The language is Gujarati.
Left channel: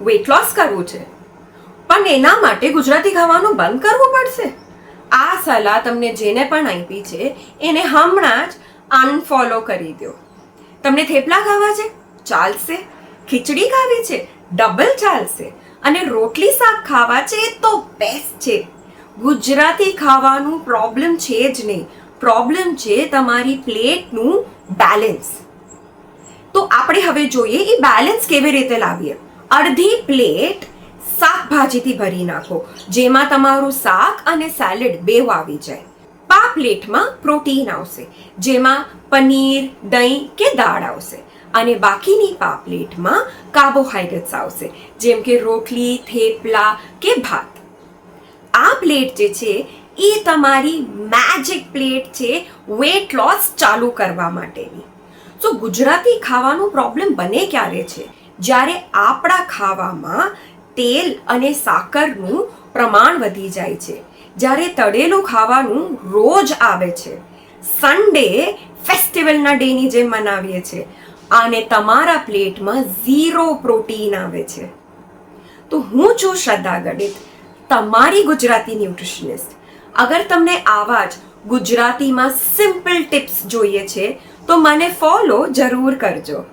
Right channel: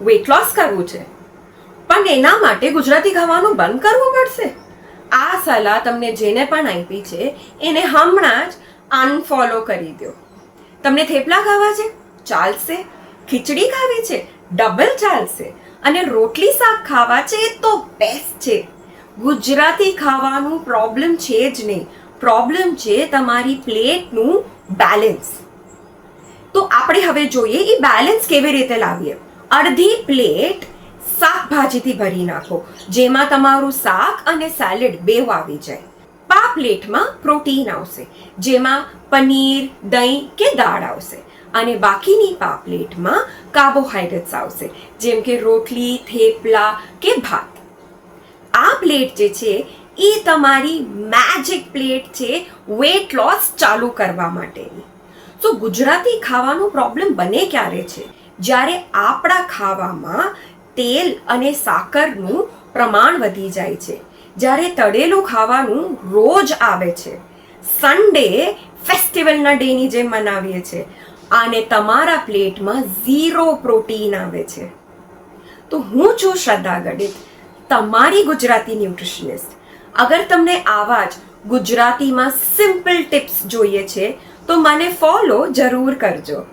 વેટ લોસ કરવું છે, પણ એના માટે ગુજરાતી ખાવાનું બંધ કરવું પડશે? આ સલાહ તમને જેને પણ આપી છે એને હમણાં જ અનફોલો કરી દો. તમને થેપલા ખાવા છે? ચાલશે. ખીચડી ખાવી છે? ડબલ ચાલશે. અને રોટલી શાક ખાવા છે તો બેસ્ટ છે. ગુજરાતી ખાવાનું પ્રોબ્લેમ છે જ નહીં, પ્રોબ્લેમ છે તમારી પ્લેટનું બેલેન્સ. તો આપણે હવે જોઈએ એ બેલેન્સ કેવી રીતે લાવીએ. અડધી પ્લેટ શાકભાજીથી ભરી નાખો, જેમાં તમારું શાક અને સેલેડ બેવ આવી જાય. આ પ્લેટમાં પ્રોટીન આવશે, જેમાં પનીર, દહીં કે દાળ આવશે. અને બાકીની આ પ્લેટમાં કાર્બોહાઈડ્રેટ્સ આવશે, જેમ કે રોટલી, થેપલા કે ભાત. આ પ્લેટ જે છે એ તમારી મેજિક પ્લેટ છે વેટ લોસ ચાલુ કરવા માટેની. તો ગુજરાતી ખાવાનો પ્રોબ્લેમ બને ક્યારે છે? જ્યારે આપણા ખાવામાં તેલ અને સાકરનું પ્રમાણ વધી જાય છે, જ્યારે તળેલું ખાવાનું રોજ આવે છે, સન્ડે ફેસ્ટિવલના ડેની જેમ મનાવીએ છીએ, અને તમારા પ્લેટમાં 0 પ્રોટીન આવે છે. તો હું છું શ્રદ્ધા ગણિત, તમારી ગુજરાતી ન્યુટ્રિશનિસ્ટ. અગર તમને આવા જ ગુજરાતીમાં સિમ્પલ ટિપ્સ જોઈએ છે તો મને ફોલો જરૂર કરજો.